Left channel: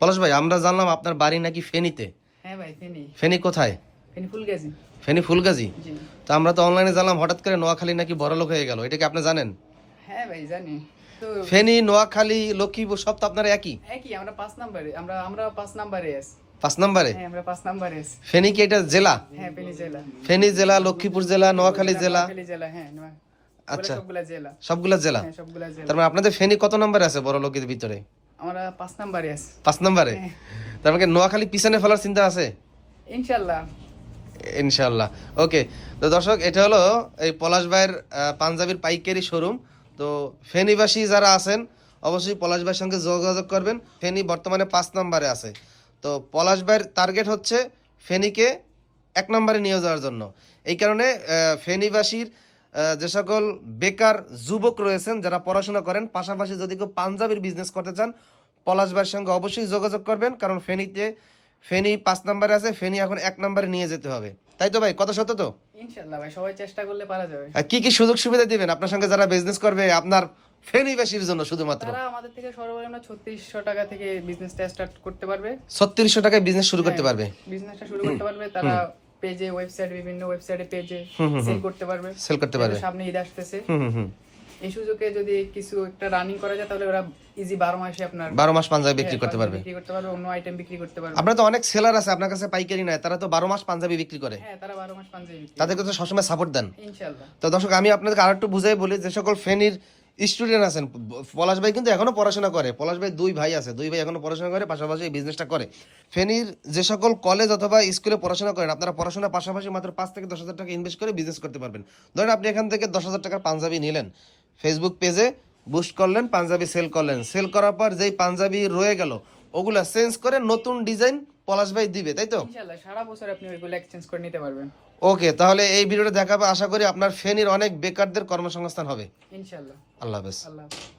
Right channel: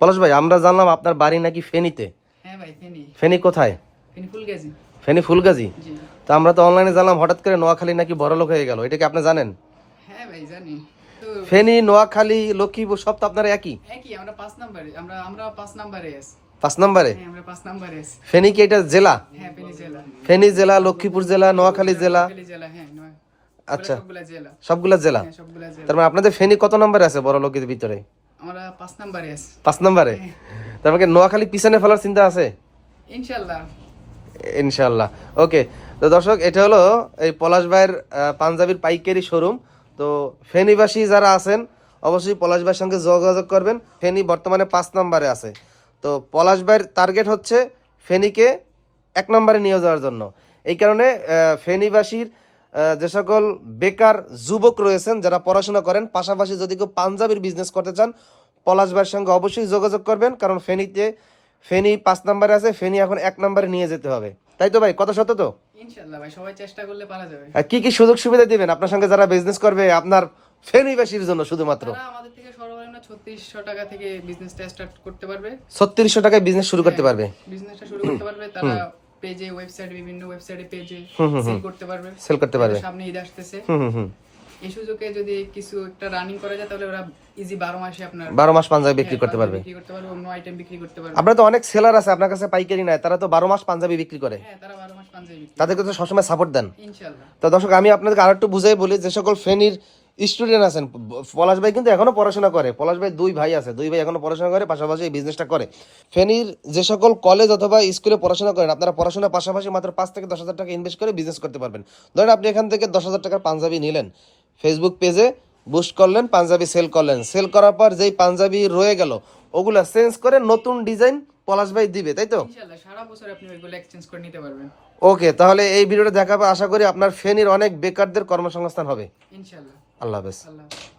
পলাশ ভাই, আমরা জানলাম আপনার বাড়ি নাকি ফেনীতে। হ্যাঁ ভাই, ফেনী। ফেনী কোথায়? ফেনী ফুলগাজী। ফেনী ফুলগাজী। জি। তো আমরা তো অনলাইনে জানলাম হঠাৎ করে নোয়াখালী নাকি বড়লোক হয়ে গেল, এটা কি আপনি জানেন? হ্যাঁ ভাই, জানি তো। ফেনী, নোয়াখালী, লক্ষ্মীপুর সব তো আপনার একই। একই, আমরা 5 নম্বরে, আমরা 5 নম্বরে আছি। 5 নম্বরে? হ্যাঁ, আমরা 5 নম্বরে আছি। ফেনী কি এটা জেলা? হ্যাঁ, ফেনী জেলা। ফেনী জেলা, লক্ষ্মীপুর জেলা, নোয়াখালী জেলা। নোয়াখালী জেলা, হ্যাঁ। আচ্ছা, সবগুলা জেলা। সবগুলা জেলা। হ্যাঁ, সবগুলা জেলা। তার মানে আপনাদের ফেনী কত নম্বরে আছে বড় লোকের ভিতরে? আমরা 5 নম্বরে আছি। 5 নম্বরে? হ্যাঁ। তার মানে নোয়াখালী পিছনে ফেলার চিন্তা আছে? ইনশাআল্লাহ। ইনশাআল্লাহ। ওকে, তো দর্শক, এটা হলো এই পলাশ ভাইয়ের পাঞ্জাবির পাইকারি শোরুম। তো ফেনীবাসী যারা আছেন অবশ্যই পলাশ ভাইয়ের সঙ্গে যোগাযোগ করবেন। ফেনী বর্তমানে 5 নম্বরে আছে। তো পলাশ ভাইয়ের টার্গেট হচ্ছে ফেনীকে 1 নম্বরে নিয়ে যাওয়ার জন্য। এই কারণে ফেনীবাসীর যে সকল বেকার যুবক রয়েছেন যারা পড়াশোনা করেন, পাশাপাশি যদি কেউ পাঞ্জাবির বিজনেস করতে চান, পলাশ ভাইয়ের সঙ্গে অবশ্যই যোগাযোগ করবেন। কারণ ফেনী 5 নম্বরে আছে, ফেনী এখন 1 নম্বরে নিয়ে যেতে হবে। তাই তো ভাই, কথা সত্য তো? ইনশাআল্লাহ ভাই, সবাই চেষ্টা করলে পারা যাবে। কি কি সুযোগ সুবিধা দিবেন আপনার সঙ্গে যারা বিজনেস করবে আপনার ফেনীবাসীর জন্য শুধুমাত্র? তারা আমাদের থেকে সর্বনিম্ন 3600 টাকা থেকে বিজনেসটা স্টার্ট করতে পারবে। 3600 টাকায় বিজনেস শুরু করতে পারবে? বিজনেসটা শুরু করতে পারবে। তারা পেজে, ওয়েবসাইট, বিভিন্ন ওয়েবসাইটে পেজে সেল করতে পারবে। সেল করতে পারবে। সামনে ঈদ আসতেছে। হুম। এই সুযোগে যদি কিছু একটা রানিং করা যায়, তাহলে ওরা ইজি 12 মাসে আপনার 12 মাস পাঞ্জাবি বিক্রি করতে পারবে। বিক্রি করতে পারবে, অন্য আইটেম বিক্রি করতে পারবে। আপনার তো অনেক সেলার আছে আপনার কাছে, পাইকারি নাই, তারা তো 12 মাস পাঞ্জাবি বিক্রি করে। হ্যাঁ, তারা 12 মাস পাঞ্জাবি বিক্রি করে। তাদেরকে তো সবসময় সাপোর্ট দেন। ইনশাআল্লাহ। তো দর্শক, আমি আপনাদেরকে আরেকটু বুঝাই বলি, যে সকল ফেনীর স্টুডেন্ট আছেন, পলাশ ভাই কিন্তু এখনো পড়াশোনা করে। পলাশ ভাই 2 ভাই আছে, 2 ভাই এখনো পড়াশোনা করে, পাশাপাশি এই বিজনেসটা করে। ফেনীর যে সকল কলেজ অথবা স্কুলে পড়াশোনা করেন, আপনারা পড়াশোনার পাশাপাশি মাত্র 5 থেকে 10,000 টাকা ইনভেস্ট করে বিজনেস করতে পারবেন। ধরেন আপনি এখান থেকে 10,000 টাকার পাঞ্জাবি নিলেন, ফেসবুক পেজে বুস্ট করলেন, পাঞ্জাবি সেল করলেন, সেল করার পর যেই পাঞ্জাবি রয়ে গেল ওগুলা চেঞ্জ করে নতুন ডিজাইন পলাশ ভাই দিবে, তাই তো? ইনশাআল্লাহ, সারা বছর আপনি ওইগুলো এক্সচেঞ্জ করে নিতে পারবেন। ওকে, তাহলে এই ভিডিওটা দেখাবে, আশা করি আপনার ফেনীর অনেক বেকারদের কর্মসংস্থান হবে। ইনশাআল্লাহ। আল্লাহ হাফেজ। আল্লাহ হাফেজ।